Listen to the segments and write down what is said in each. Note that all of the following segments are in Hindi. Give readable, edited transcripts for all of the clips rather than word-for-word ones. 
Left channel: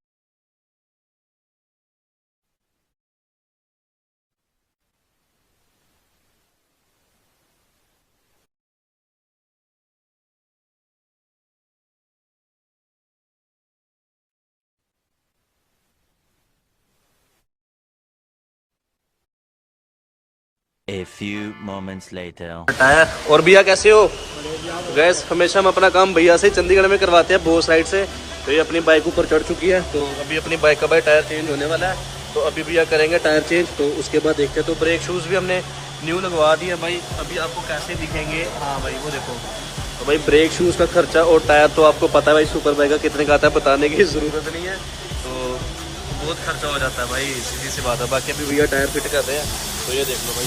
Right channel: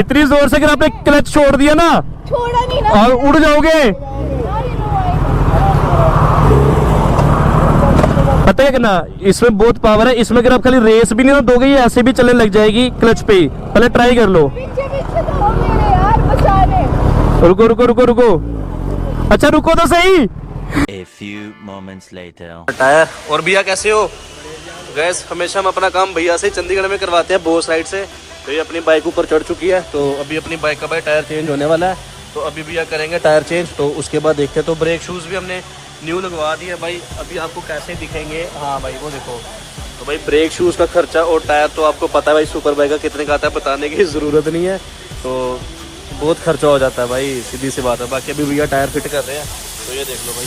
इतनी जोर से अगर आपने क्लच छोड़ दिया ना, छोड़ा नहीं ना, और उड़ जाओगे। पता है कि ना, इसमें बहुत पावर है। इसमें अगर आप खाली रेस भी नहीं ना दोगे, ये ऐसे भी चलने लग जाएगी क्लच पे ही। पहले ट्राई कर लो। पीछे पीछे तो हो मेरे यार, बचाने। रुको रुको रुको रुको, अच्छा रुको तो सही। A few moments later. Tyre और भैया कैसे हो? गैस हमेशा हम अपना काम भैया से चंडीगढ़ में करवाते हैं, बोस साइड से। तो ये अपनी बाइक ऊपर चढ़ चुकी है, तो अभी अपनी बाइक का भाई टायर चेंज होने वाला है। तो अभी भैया करेंगे टायर चेंज, तो उसके बाद देखते हैं। तो ब्रेक शूज भी हमने न्यू लगवा दिया भाई। अभी आपको कैसे दिखेंगे, हाँ भाई वो देखो। तो भाई ब्रेक शूज का खर्चा और टायर तो आपको पता है भाई सुपर बाइक का कितने का आता है, बताने की जरूरत नहीं है। तो बहुत खर्चा हो जाता है भाई, सीधी सी बात है। बाकी अभी भैया टायर फिट कर रहे हैं, तो ये देख लो भाई,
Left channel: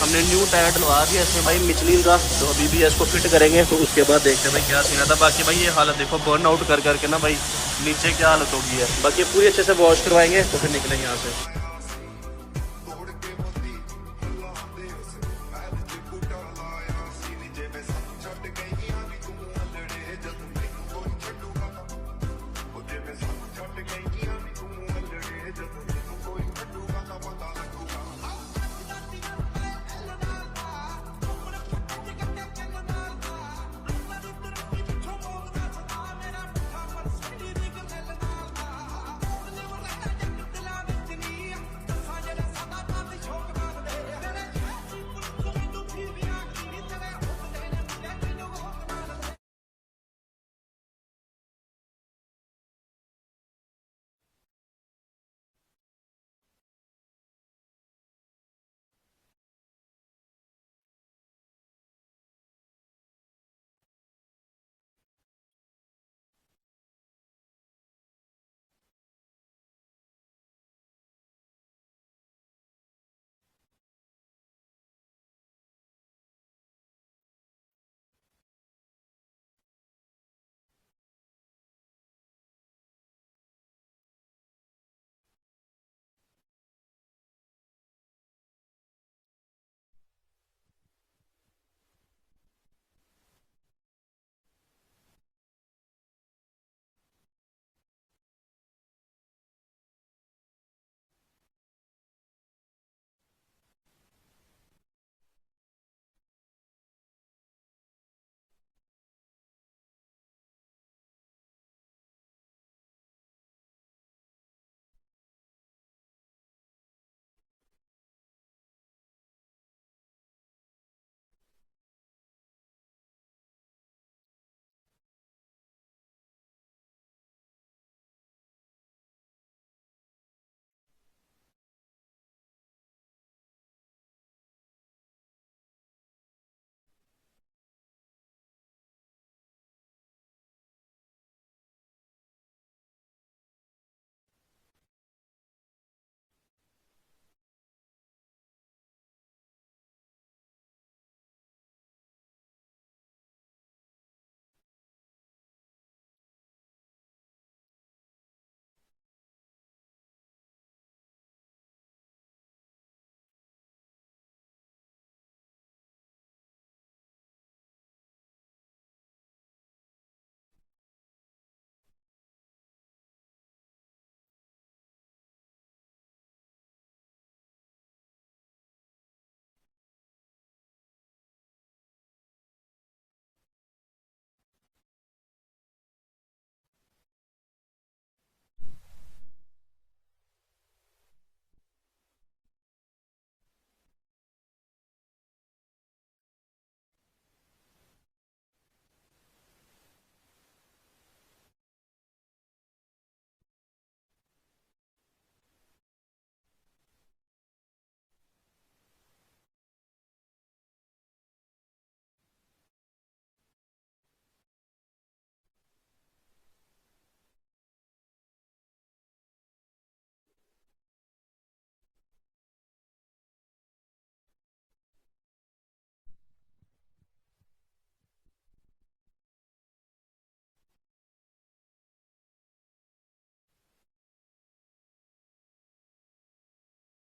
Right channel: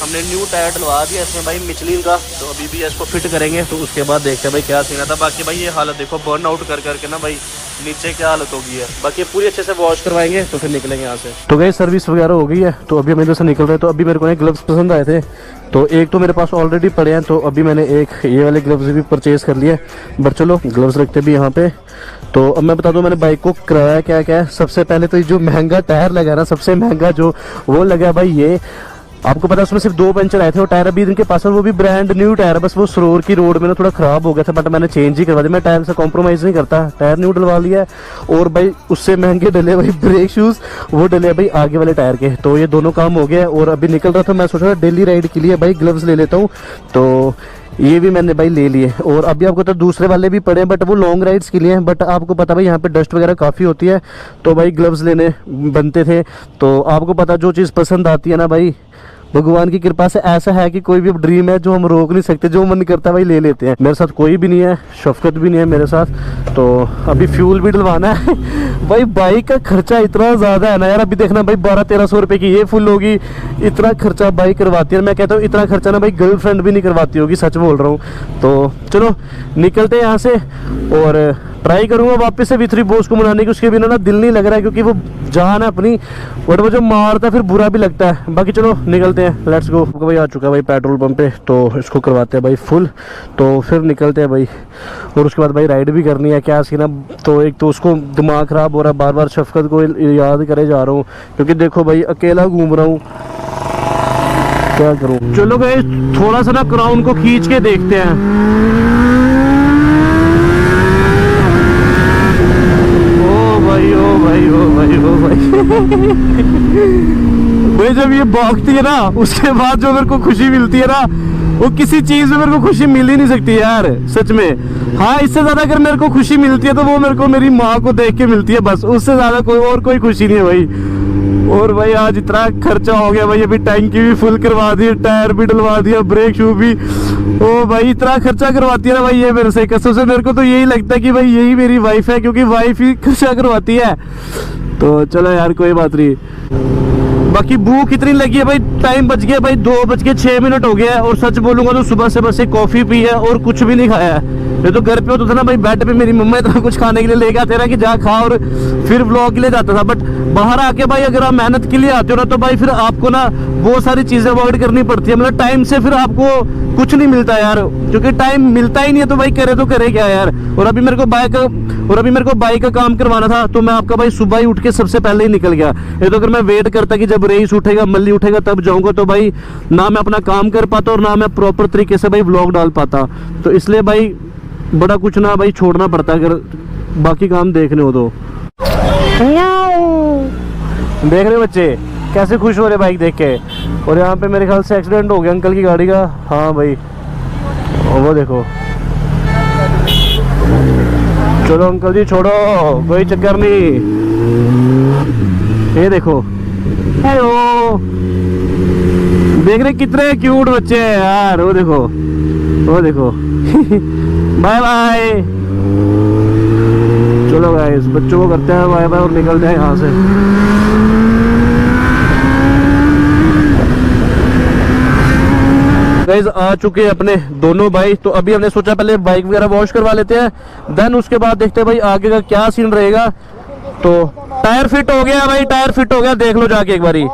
हमने न्यू टायर डलवा दिया इसमें भाई मिचलिन का। तो अभी भी इसको फिट करेंगे, तो उसके बाद देखते हैं भाई क्या सीन आता है। बाकी भाई ये हालत देखो, बर्न आउट कर करके ना भाई नीचे क्या हालत होगी है। बाकी पूरी अच्छे से वॉश करवाएंगे तो फिर निकलेंगे यहाँ से। तो गई सर्विस वगैरह हो गई है, तो अभी हम इधर से निकल रहे हैं। तो अभी मेरे को ग्लव्स पसंद आए थे, तो एक तो मेरे पास ऑलरेडी पड़े हैं, तो अभी मैंने एक ये वाले ग्लव्स भी परचेज कर लिए। बट चलो ग्लव्स रखते भी यहाँ पे। तो अब मैं बता दूं मैंने बाइक को कराया क्या क्या है। सबसे पहले तो जो महंगा टायर लगा ना, सबसे महंगा जो वो लगा भाई, ये आपको पता है उसमें सिर्फ 2 पंचर आए थे। और टायर अभी इनके पास है, वो भी ब्रांड न्यू टायर है। बस वो सरोर की रोड में ना थोड़ा खराब हो गया था, बट मैंने चेंज ही करवा दिया। मैं टायर से कॉम्प्रोमाइज़ नहीं करता, टायर न्यू डलवा लिया है। और भाई उससे महंगे डले भाई ब्रेक शूज़, वो डले भाई आगे वाले टायर के। तो ये दोनों काम हो गया। और अभी निकल रहा था, मैं सोच रहा था डेली राइड के लिए भाई ग्लव्स ले लेता हूँ, तो ये भी मैंने भाई ले लिए। और अभी आपको तो दूसरे वाले भी पड़े हैं, बट वो लॉन्ग राइड्स के लिए हैं। बट आपको पता भाई यहाँ पे डस्ट वगैरह काफ़ी होती है, तो भाई ग्लव्स लेने बनते थे। तो आपको पता जो चीज़ पसंद आती है ना भाई, भगवान की कृपा से ऐसा है कि कोई भी ड्रीम है जो हम रोक नहीं सकते, जो मन करता है भाई ले लेते हैं। मेरे साथ कोई भी नहीं है, शफकत भी नहीं है मेरे साथ। तो अभी फ्यूल भी डलवाना है भाई। बाइक का खर्चा इतना ज़्यादा है ना यार। अभी देखना भाई 1200-1300 रुपये की ये फुल होगी, इतना खर्चा बाइक करवाती है। मैं कहता हूँ इतना खर्चा ना भाई गर्लफ्रेंड भी नहीं करवाती होगी, सच बोल रहा हूँ। तो चलो निकलते हैं यहाँ से, और ट्राई करूंगा वापस से V3 बोस को मनाने की। उसके बिना ना दिल नहीं लग रहा है, क्योंकि वो जान है अपनी, बट वो जो मारता है फिर बुरा भी लगता है। बाकी चलो निकलते हैं, लेट्स गो। भाई आ चुका है भाई पेट्रोल पंप पे, तो इसको करवाते हैं भाई फुल, तो फिर निकलते हैं भाई। और उसके बाद भाई राइड भी करनी है, क्या सीन है। तो एक तो उसको दिमाग ख़राब हो रहा है, बार बार शफकत को याद करे जा रहा हूँ, क्योंकि देखो भाई अकेला घूम रहा हूँ, क्या करूँ। चलो भाई थोड़ा सा ना क्राउन को खींच के देखते हैं। भाई जब ये भौंकती है ना, उसके बाद जो मेरे को खुशी मिलती है ना, वो किसी चीज में मेरे को खुशी मिल ही नहीं सकती यार, सच में। हाँ इससे ज्यादा अगर मेरे को खुशी मिलती है तो वो मेरे को मेरी माँ को देख के मिलती है, बस। उससे ज्यादा कोई खुशी नहीं है भाई। और भाई आज इतना खर्चा हो गया भाई, अभी टैंकी भी फुल करवा दी, टायर भी डलवा दिया, ब्रेक शू भी। ओ भाई इतना खर्चा करवाती है ना भाई ये मेरे से, कसम से मेरे को तो यही लगता है कि भाई यही मेरी वाइफ है, क्योंकि वाइफ ही खर्चा करवाती है। तो चलो यार कोई बात नहीं। बाकी भूख इतनी लगी है भाई, टाइम बच गया भाई 2:06 हो गया है। और सच बोलूंगा तो सुबह से बस एक कॉफी पी है और कुछ भी नहीं खाया है। ये तो घर पे होता था ना भाई, बेड पे मेरी मम्मा इतना कुछ खाने के लिए लेके आते रहा कि जा खा, और फिर व्लॉग के लिए जाता था। बट बाहर आके भाई अगर आप मेहनत के लिए आते हो ना, तो भाई फिर आपको ना बहुत सारी चीजें अवॉइड करनी पड़ती है। मतलब टाइम से फिर आपको कुछ नहीं मिलता यार, क्योंकि टाइम मिलता ही नहीं है, तो भाई करे तो करे क्या यार। और अभी मेरे को बाइक का काम करवाना था, तो मैं आपका भाई सुबह ही उठ के सबसे पहले ही निकल गया। ये तो अगर मैं वेट करता कि जब रईस उठेगा, मल्ली उठेगा तब जाऊंगा, तो भाई ना मैं अपना काम कर पाता और ना मैं प्रॉपर तरीके से भाई व्लॉग डाल पाता। तो इसलिए भाई बड़ा कुछ ना भाई छोड़ना पड़ता है, अगर बाकी काम देखने हो तो। देख रहे बच्चे कैसे खुश हो रहे बाइक देख के। और यहाँ पे मेरे ख्याल से एक्सीडेंट हो गया अंकल की गाड़ी का। हाँ भाई वो देखो। चलो अंकल जी छोड़ो, कोई चक्कर नहीं। ये देखो, हेलो, देख रहे कितने क्यूट बच्चे हैं यार। वो देखो वो देखो बाय बाय। चलो गाइस बच्चों को करते हैं बाय बाय और निकलते हैं यहाँ से। गाइस आ चुके हैं अपने दोनों भाई। तो अभी हमने सोचा पहले बाइक वगैरह वॉश करवा लेते हैं, देन उसके बाद देखते हैं भाई आगे का क्या सीन रहेगा। तो टायर फिट हो गया भाई, टायर फिट हो गया, देख लो जाके एक बारी।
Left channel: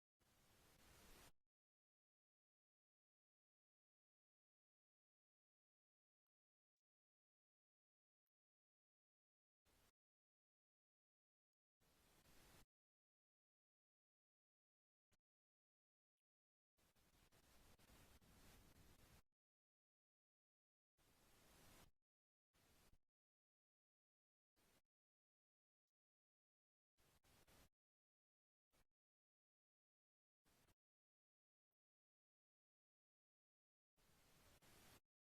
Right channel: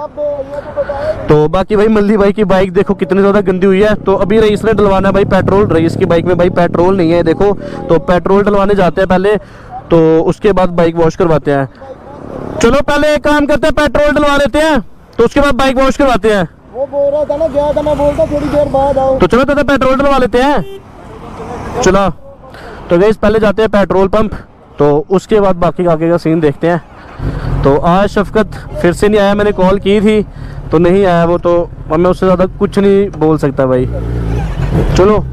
तो बाकी भाई मल्ली भाई की बाइक देखो कितनी ज्यादा गंदी हुई है। तो अभी रईस ने डलवाना है भाई पेट्रोल। रईस की बाइक में भाई पेट्रोल नहीं है देखो, तो पेट्रोल डलवाने जाते हैं पहले। तो उसके बाद बाइक वॉश करवाते हैं। चलो पहले एक काम करते हैं, पेट्रोल डलवा लेते हैं, तो उसके बाद बाइक वॉश करवाते हैं। वो बोल रहा था ना, गया था, मैं बोलता थोड़ी देर बाद आओ। तो चलो तो पेट्रोल डलवा लेते हैं। चलो तो गाइस पहले जाते हैं पेट्रोल पंप, तो उसके बाद बाकी आगे का सीन देखते हैं। तो आज शफकत फिर से नहीं आया, मैंने कॉल की थी तो नहीं आया वो, तो अब मैं उससे ज़्यादा कुछ नहीं बोल सकता भाई। चलो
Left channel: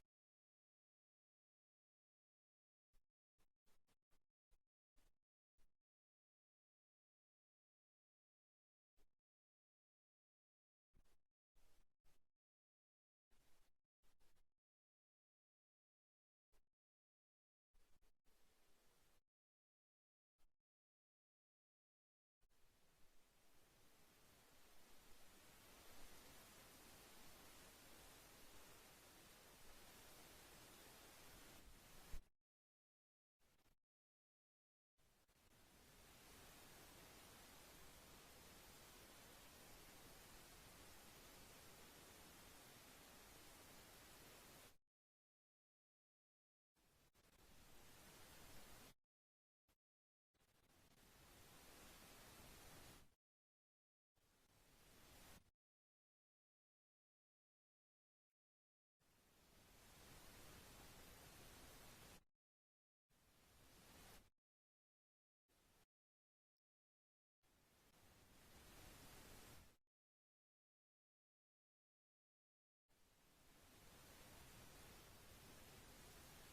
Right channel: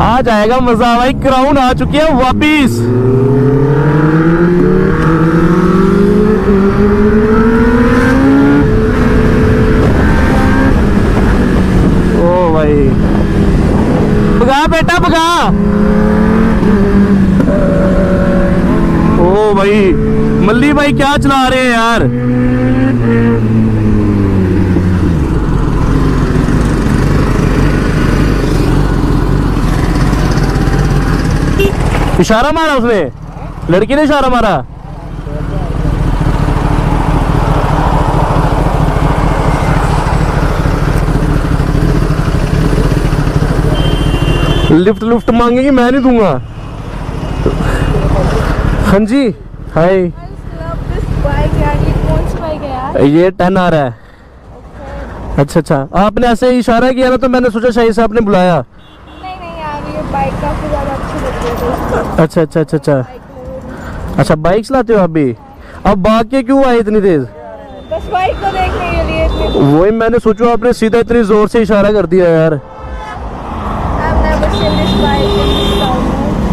आ जाएगा मजा भाई, क्राउन आ चुकी है वापिस। ओ भाई भगा बेटा भगा। ओ भाई मल्ली भाई क्या चला रहे हैं यार। इशारा मारा उसने, लड़की ने इशारा मारा। लिफ्ट लुफ्ट मांगेगी, मैं नहीं दूंगा। हाँ जी हाय। ये 10 आ रहा है। अच्छा अच्छा, आपने ऐसे इशारा किया ना तो मैंने सोचा शायद से आपने बुलाया। नहीं यार, ये बाइक काफी ज्यादा अच्छी लग रही है। अच्छा अच्छा अच्छा अच्छा अच्छा, बाइक चलाते हो आप भी? अब भाग के क्यों आए इतनी तेज? बस बाइक को देखने के लिए इतनी। वही मैंने सोचा आपने सीधा इतनी जोर से इशारा कर दिया यार।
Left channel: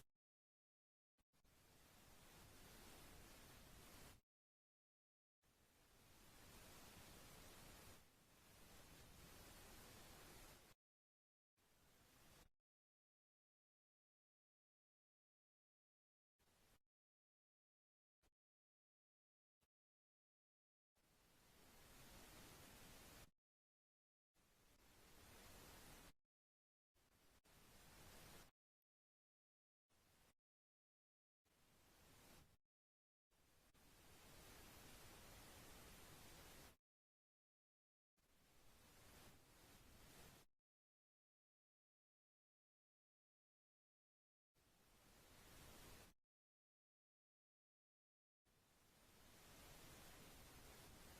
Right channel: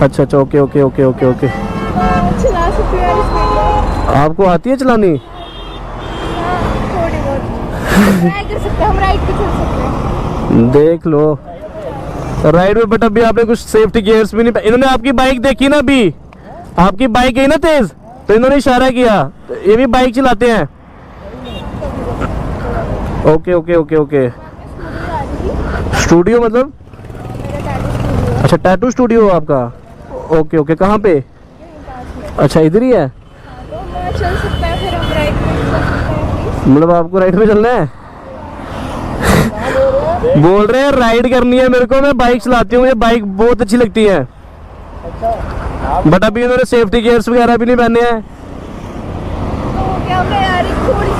अच्छा अच्छा, okay okay okay okay okay. चला सकते हैं इसमें? आपको आती है चलानी? थोड़ी बहुत ट्राई कर सकते हैं, हम राइड पे चल सकते हैं। देख लो राइड में, बट अभी आपने कुछ सेफ्टी गियर्स भी नहीं। इन्होंने आपकी बाइक देखी ना, अभी आपकी बाइक गई ना तेज, तो इन्होंने इशारा किया। तो ये भी बाइक चलाते हैं। Okay okay okay okay. Studio मतलब? अच्छा टैटू स्टूडियो आपका? ओके ओके, कहाँ पे? अच्छा इधर ही है। तो मैं चल सकता है, फिर हम राइड पे चल सकते हैं। मतलब आपको राइड पे चलना है? बोल रहे हैं राइड करनी है मेरे को, मैं बाइक चलाती हूँ, मुझे बाइक बहुत अच्छी लगती है। बट अभी इन्होंने सेफ्टी गियर्स वगैरह भी नहीं पहने हैं। तो क्या होगा यार, एक थोड़ी सी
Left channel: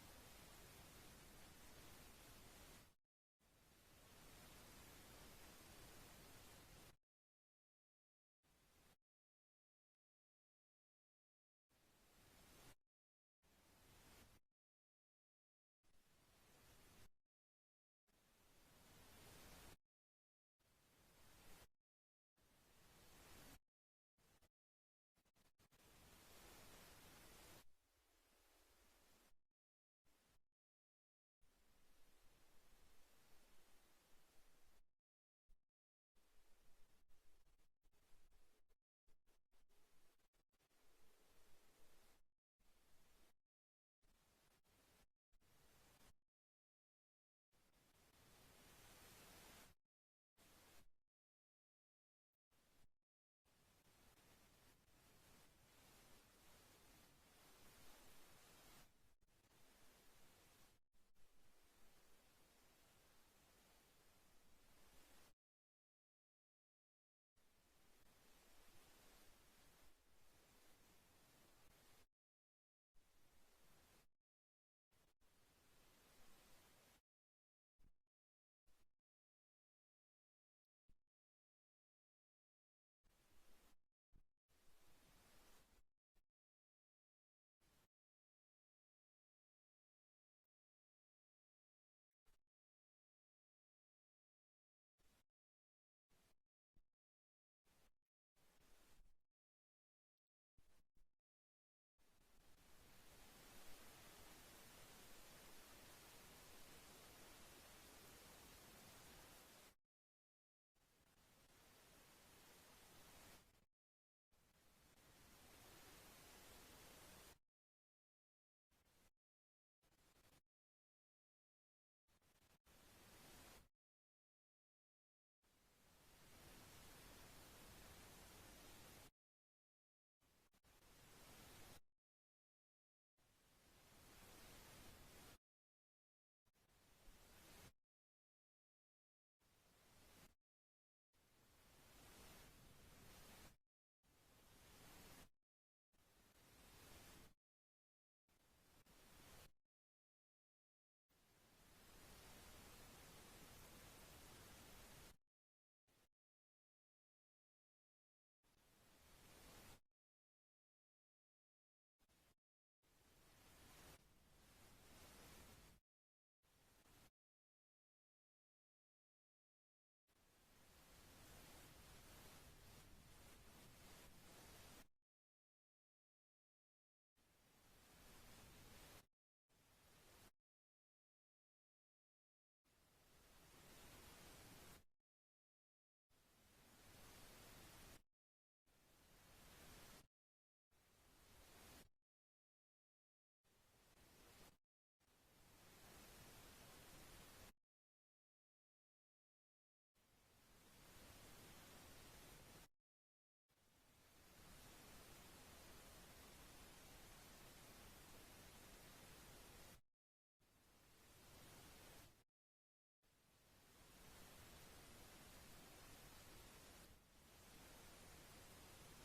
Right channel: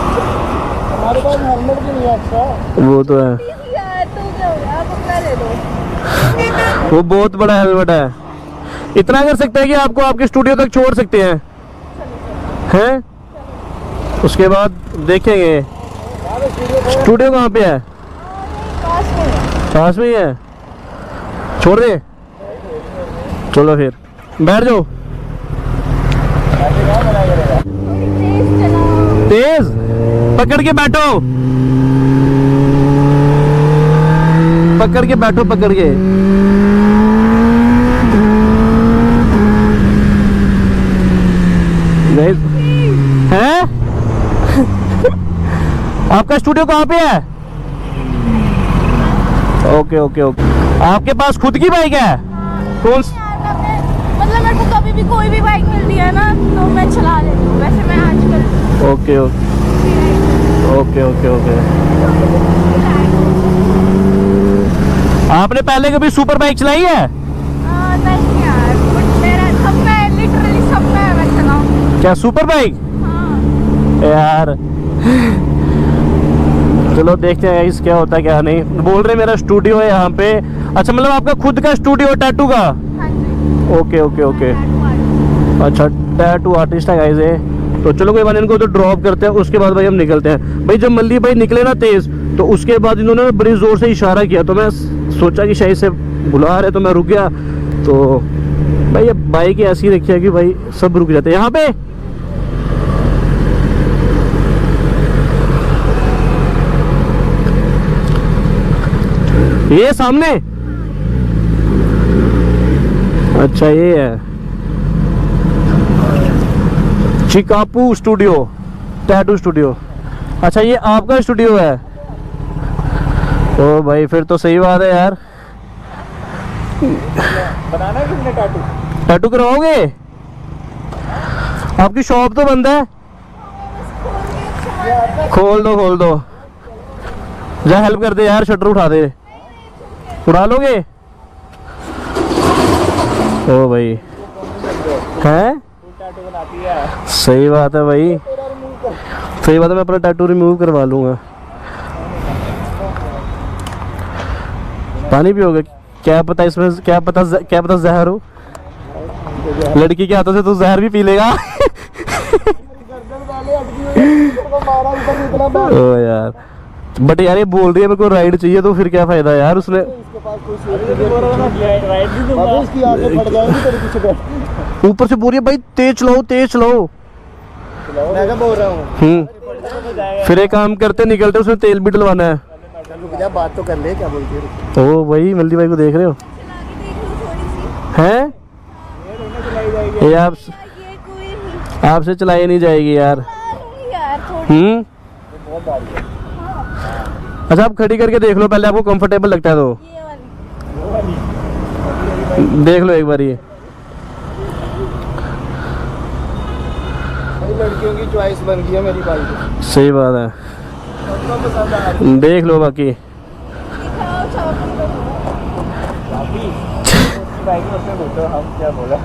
हमारे पास हेलमेट भी नहीं है एक्स्ट्रा। वो तो है, यार, तो क्या होगा, आप अपना ले लो। वो बहुत बड़ा हेलमेट है। इतना कर सकते हैं कि आपको आपके स्टूडियो तक छोड़ सकते हैं, हैं? उसके बाद देखेंगे। स्टूडियो कहाँ पे है? पास में है। पास में ही है, छोड़ दे। चलो फिर बैठ जाओ। तेज चलाओ। तेज पकड़ के बैठो, पकड़ के बैठो, पकड़ के। हैं? आपका स्टूडियो कहाँ पे है? Okay okay okay. आपके पास खुद की बाइक है? कौन सी? मतलब मेरे को कभी भी कोई भी बाइक मिलती है ना तो मैं चला लेती हूँ। वैसे मैं आजकल ओके ओके ओके ओके। आपने पहले कभी सुपर बाइक चलाई है? नहीं यार, बट मेरा सब में लिटरली सब में मैं चलाऊँ। क्या सुपर बाइक? हाँ। यार चलो देखते हैं इस क्या होता है क्या नहीं। बोल रहे मेरा स्टूडियो है यहाँ पे। अच्छा मतलब आपका खुद का स्टूडियो है टैटू का? हाँ जी। Okay okay okay. अच्छा टैटू आर्टिस्ट है गाइस ये। तो चलो कोई बात नहीं, इनको तो ड्रॉप करते हैं, उसके बाद भाई हम निकलते हैं। भाई जब मल्ली भाई निकले ना तेज, तो उसके बाद इन्होंने बड़ी जोर से इशारा किया, तो मैं सोचा कि शायद से बुला रहे, तो मैं रुक गया। तो भाई अब बाइक ऐसी रखी है कि भाई सब रुक जाते हैं यहाँ पे। ये सामने? अच्छा ये है चिकापू स्टूडियो, टैटू स्टूडियो। अच्छा ये आपका स्टूडियो है? ओ भाई फिर तो सही बात है यार। बनाना है किसने टैटू? टैटू करवाओगे? आपकी शॉप तो बंद है। खोल दो जा हेल्प कर दे यार, शटर उठा दे। उड़ा लोगे? ओ भाई हैं, सही बात है भाई, सही बात है। मैं अपना टैटू रिमूव करवा लूंगा। पानी पियोगे? क्या पता इसमें, क्या पता जहर हो। लड़की के हाथों से तो जहर भी पी लेगा। ओ यार, बट यार ये बोल रही है मेरे को राइड चाहिए, तो फिर क्या फायदा यार उसने। ऊपर से बोल रही है भाई तेज चलाओ तेज चलाओ। मैं क्या बोल रहा हूँ। फिर एक काम करते, निकलते उसमें तेल भी डलवाना है। रुक जा, बात तो कर ले, क्या बोलती है। ओ भाई मल्ली भाई को देख रहे हो हैं? ये आपसे चलाई नहीं जाएगी यार। अच्छा आप खड़ी करके देख लो पहले, आपको कंफर्टेबल लगता है तो देख लो एक बार। ये लड़कियों की चॉइस बन गई है मेरी बाइक। सही बात है, देख लो बाकी। क्या बोला?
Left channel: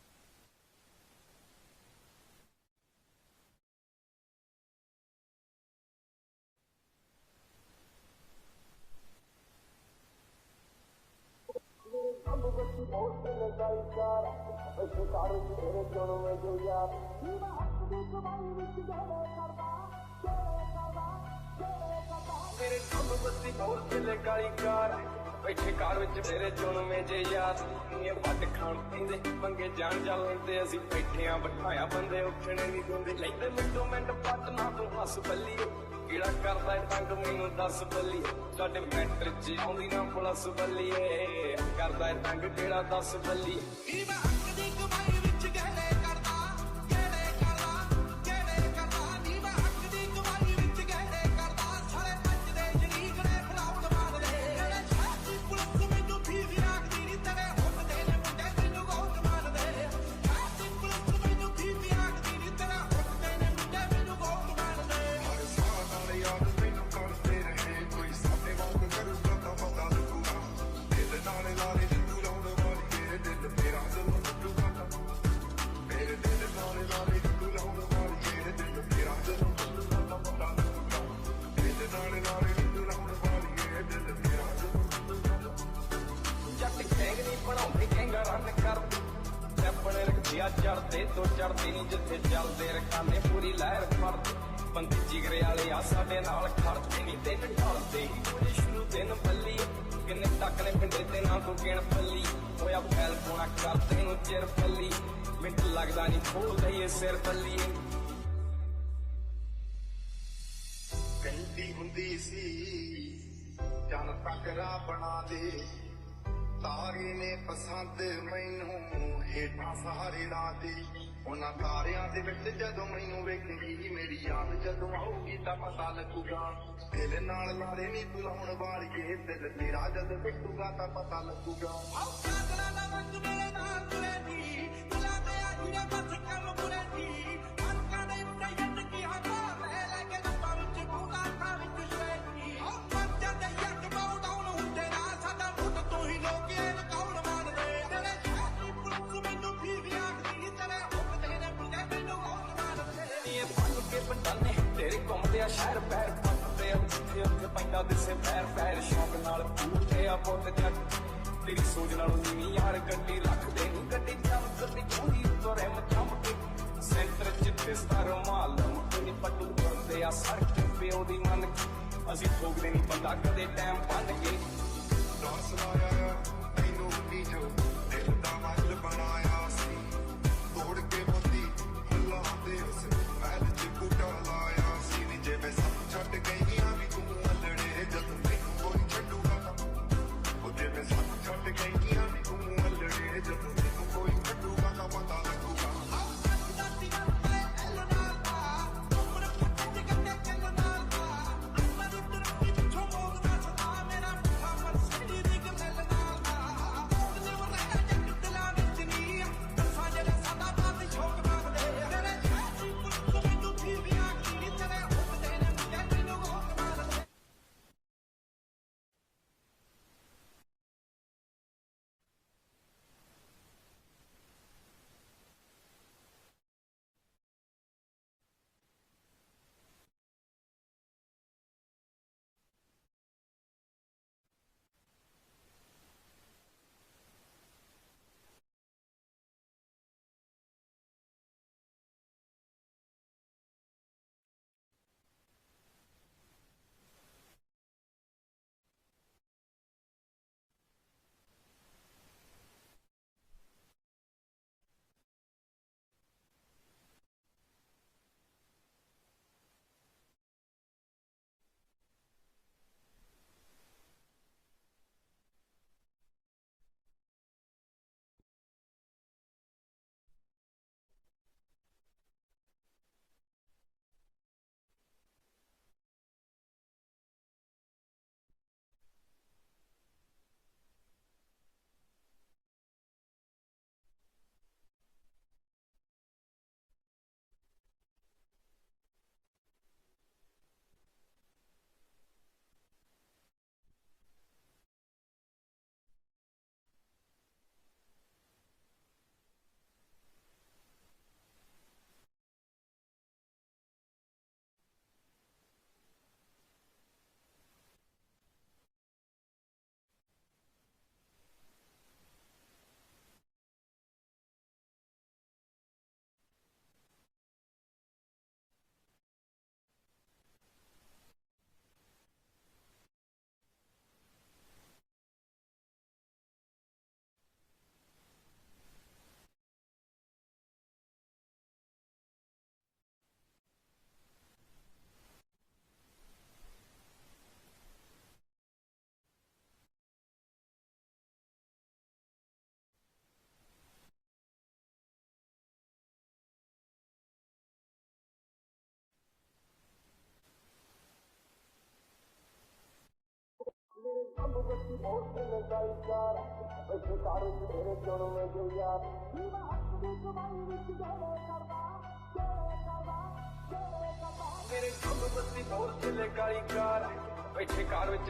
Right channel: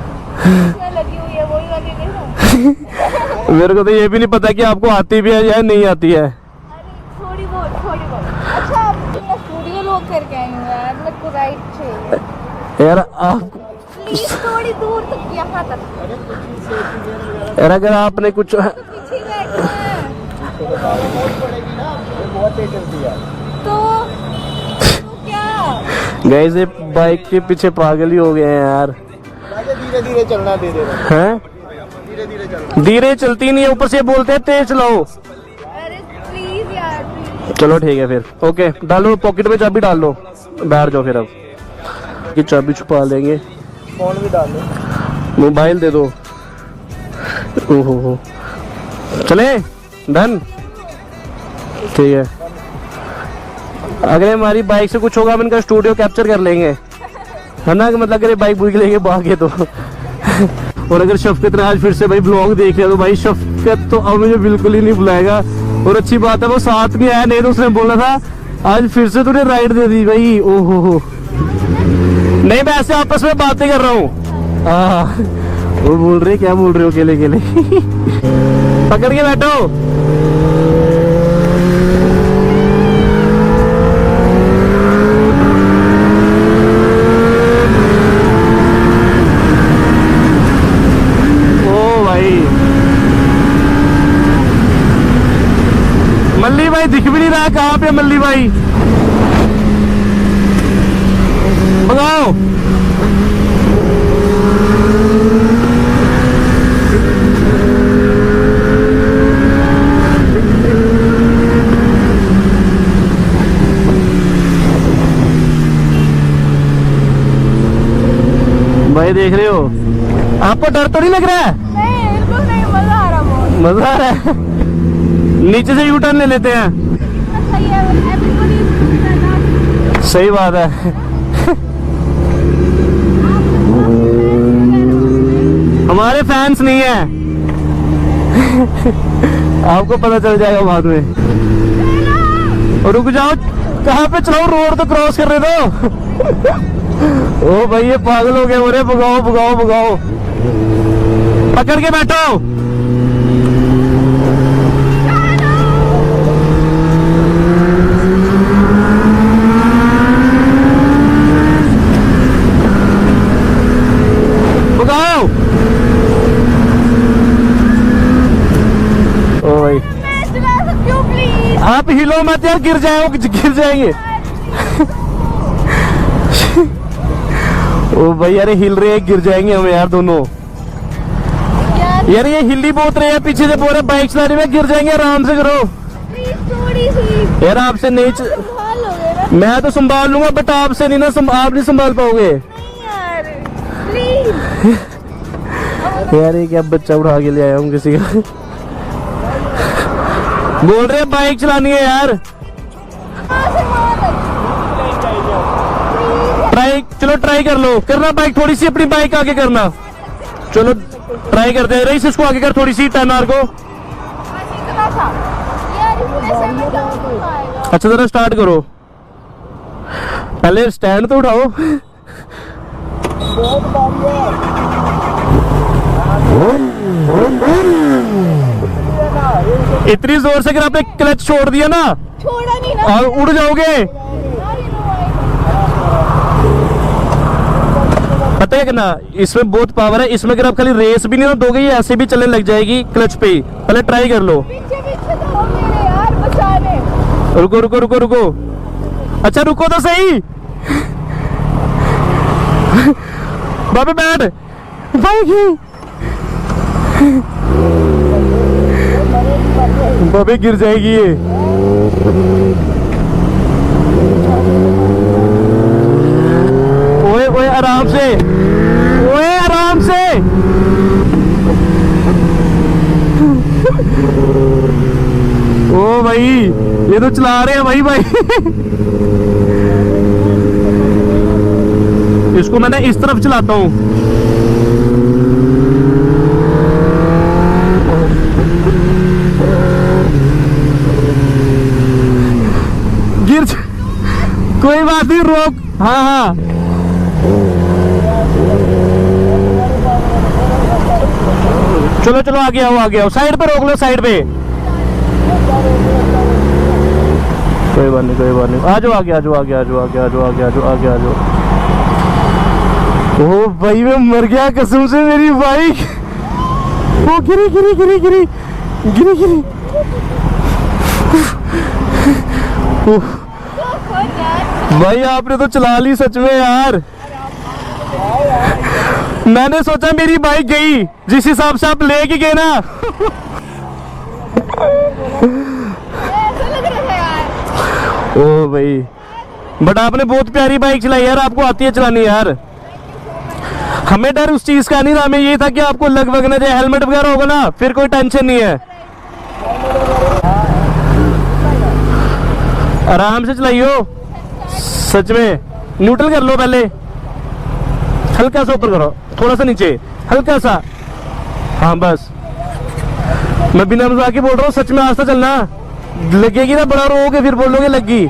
मेरे को तो ये भी नहीं पता कि आपको आती भी है या नहीं आती है। थोड़ी बहुत। अच्छा मैं स्टूडियो लोग करके आई हूँ यार, मेरे को राइड चाहिए यार आप प्लीज, थोड़ी दूर तक, यहाँ तक। यार अगर आपने कुछ पीछे बैठना है बहुत तेज चलती है। तो क्या गाइस ये बाइक के पीछे पागल ही हो गए हैं यार। धीरे धीरे चलना, दे दे हैं धीरे चलती नहीं है, ऊपर से बोलते हैं तेज चलाओ। अरे प्लीज यार please। चलो ठीक है फिर, ओके डालो पॉकेट में, चाबी डाल लो, बैठ जाओ फिर। अब की चाबी छुपा लेंगे, फोन भी डाल दो, मोबाइल दे दो। ओहो चले डन, ठीक है। अगर हमारी बाइक से कुछ होगा हम इनका स्टूडियो कैप्चर कर लेंगे, है ना। मतलब अगर बाइक भूल लेंगे भागे तो। और अगर शफकत ने आज फिर से भाई ब्लॉग देख लिया तो भाई शफकत तो अब मुझे बिल्कुल ही नहीं बुलाएगा। और अच्छी बात है वो साथ में आया, नहीं तो उसने बोला था आज फिर से तूने राइड दे दी भाई। ओहो हो, नहीं मैं ऐसे आपस में बातें कर रहा हूँ। वो बोल रहे क्या बोल रहे हो अकेले अकेले। पकड़ के बैठो। मल्ली भाई दिख भी नहीं रहा, कहाँ पे मल्ली भाई? भगाओ। भाई देख रहे हो, आपको डर तो नहीं लग रहा है? नहीं बिल्कुल नहीं, मजा आ रहा बहुत। मजा आ रहा है। नीचे से यू टर्न ले लेते हैं। सही है, everybody सही बात है। हमारे फैंस नहीं है। आपको पता चल जाएगा बाद में। और रुक जाओ, कहाँ पे चलाओ, रोड तो क्रॉस कर रहे दो। ओ भाई ये पागल हो गए, बोले भगाओ भगाओ भगाओ। पकड़ के बैठो। भगाओ। ओ भाई चला सकती हूँ प्लीज। आप हिलो मत यार, गिर जाएंगे। ओ भाई यार हिल रहे हैं, गिर जाएंगे हम यार दोनों। यार ये हिली बहुत रहे हैं, पीछे से बोल रहे बाइक चलाने में, गिर जाएंगे, आराम से करो थोड़ी सी यार। आपसे नहीं संभाल लोगे ना मैं तो संभाल लूंगा, बट आपसे नहीं ना, आप नहीं संभाल पाओगे यार, प्लीज। यार। ये क्या बच्चा उठा के ले आया हूँ किसी का। बोल रहे बाइक चलानी है यार। चलो ट्राई कर लो, करना बाइक थोड़ी सी, अपनी बाइक आगे करना। चलो ट्राई करते हैं, रईस इसको आगे कर थोड़ी सी, टर्न आर को। इतना सा ऐसे में डाउन नहीं पाएगा। अच्छा जरा स्टार्ट करो, पहले स्टैंड तो उठाओ। बहुत भारी है। इतनी जोर से अगर आपने क्लच छोड़ दिया ना छोड़ा नहीं ना और उड़ जाओगे। यार, you know पता है कि ना, इसमें बहुत पावर है। इसमें अगर आप खाली रेस भी नहीं ना दोगे, ये ऐसे भी चलने लग जाएगी क्लच पे ही। पहले ट्राई कर लो। पीछे पीछे तो हो मेरे यार बचाने। रुको रुको रुको रुको, अच्छा रुको तो सही। बाबे बैठ भाई, बाबे गिर जाएगी ये। ओए ओए आराम से, ओए आराम से। ओ भाई ये तो चला रहे हैं भाई भाई। इसको मैंने इस तरफ चलाता हूँ। गिर कोई बात नहीं, रोक। हाँ हाँ चलो चलो आगे आओ आगे आओ, साइड पे रोक लो, साइड पे। कोई बात नहीं कोई बात नहीं, आ जाओ आगे, आ जाओ आगे, आ जाओ आगे, आ जाओ आगे, आ जाओ आगे, आ जाओ। ओ भाई मैं मर गया कसम से, मेरी बाइक ओ गिरी गिरी गिरी गिरी गिरी गिरी। उफ, भाई आपने तो चला ली सच में यार। मैंने सोचा मेरी बाइक गई, जिस हिसाब से आप लेके गए ना। ऐसा लग रहा है यार। ओ भाई बट आपने बहुत प्यारी बाइक चलाई यार, आपको आती है चलानी यार। हमें डर उस चीज का नहीं था, हमें ये था कि आपको लग वग ना जाए, हेलमेट वगैरह होगा ना फिर कोई टेंशन नहीं है। आराम से चलाइयो, सच में। न्यूट्रल कर लो पहले, हल्का सा ऊपर करो, थोड़ा सा नीचे, हल्का सा। हाँ बस, मैं बिना मजाक के बोल रहा हूँ, सच में आस्ते चलना। लगेगी ना बड़ा रोगे फिर बोलोगे लगी।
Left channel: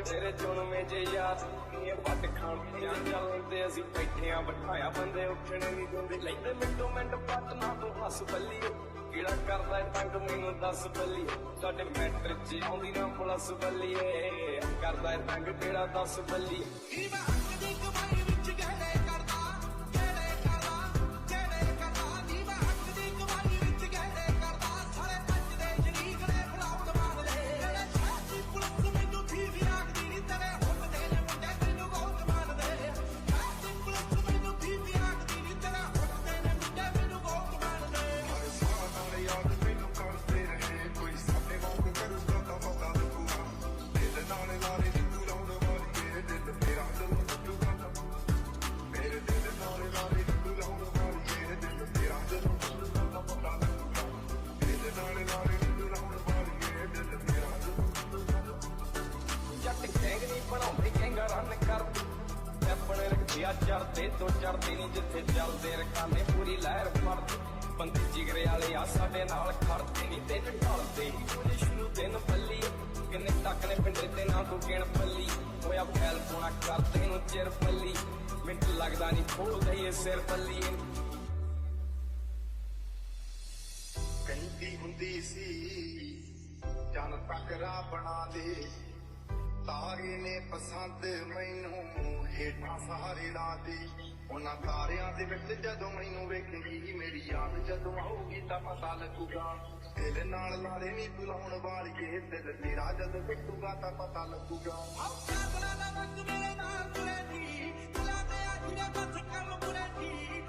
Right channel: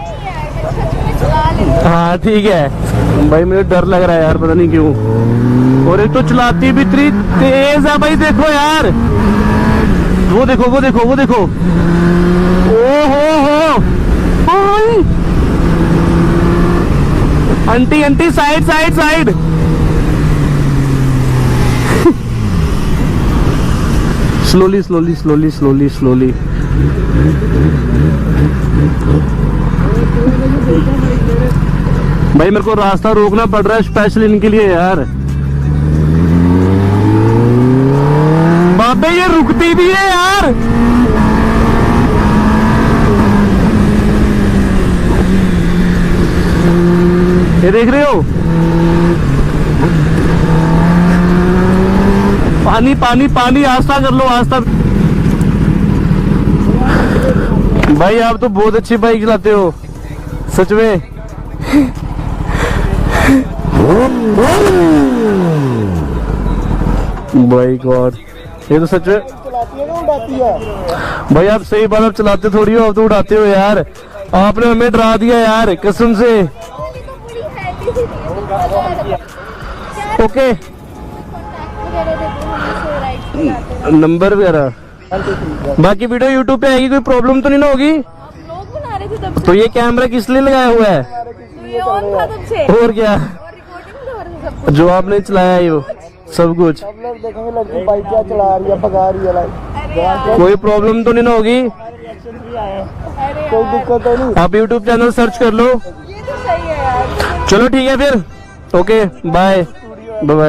हाँ ठीक है भाई, मुझे डर लग रहा है यार, पता नहीं क्यों। और एक तो चलाती भी इतनी तेज है भाई, देखो यार, वो देखो वो देखो वो देखो। ओ हो aunty aunty side side side. Slowly slowly slowly slowly slowly. भाई मेरे को रास्ता रोकना पड़ रहा है स्पेशल इनके लिए यार। बाबे ये रुकती भी है यार। ये देख रहे हो, पानी पानी पानी, आस्था कर लो आस्था। भाई आप तो बहुत अच्छी बाइक चलाते हो सच में। भाई गॉड, ये तो सच में भाई आप सही बात, आप चलाते थोड़ी हो, आप तो उड़ाते हो यार। आपने हमें डरा दिया यार कसम से। ओके नंबर वगैरह बाकी वीडियो यूट्यूब पे आएगी, कोई प्रॉब्लम तो नहीं ना होगी? लोग बना रहे थे तब तो ये कैमरा किस लिए लगाया हुआ है? ये ऑन था तब से। और क्या रिकॉर्डिंग हो रही है सब। जो आपने चलाया है वो सब कुछ। सब लोग देखेंगे लड़की बाइक क्या चला रही है, भगा रही है लाइक। अरे यार, कोई प्रॉब्लम तो नहीं ना होगी? अरे कोई यार, दिक्कत तो नहीं। आप यूट्यूब चैनल सर्च कर लो। ये तो सही है यार। चलो ठीक है फिर, ओके बाय बाय।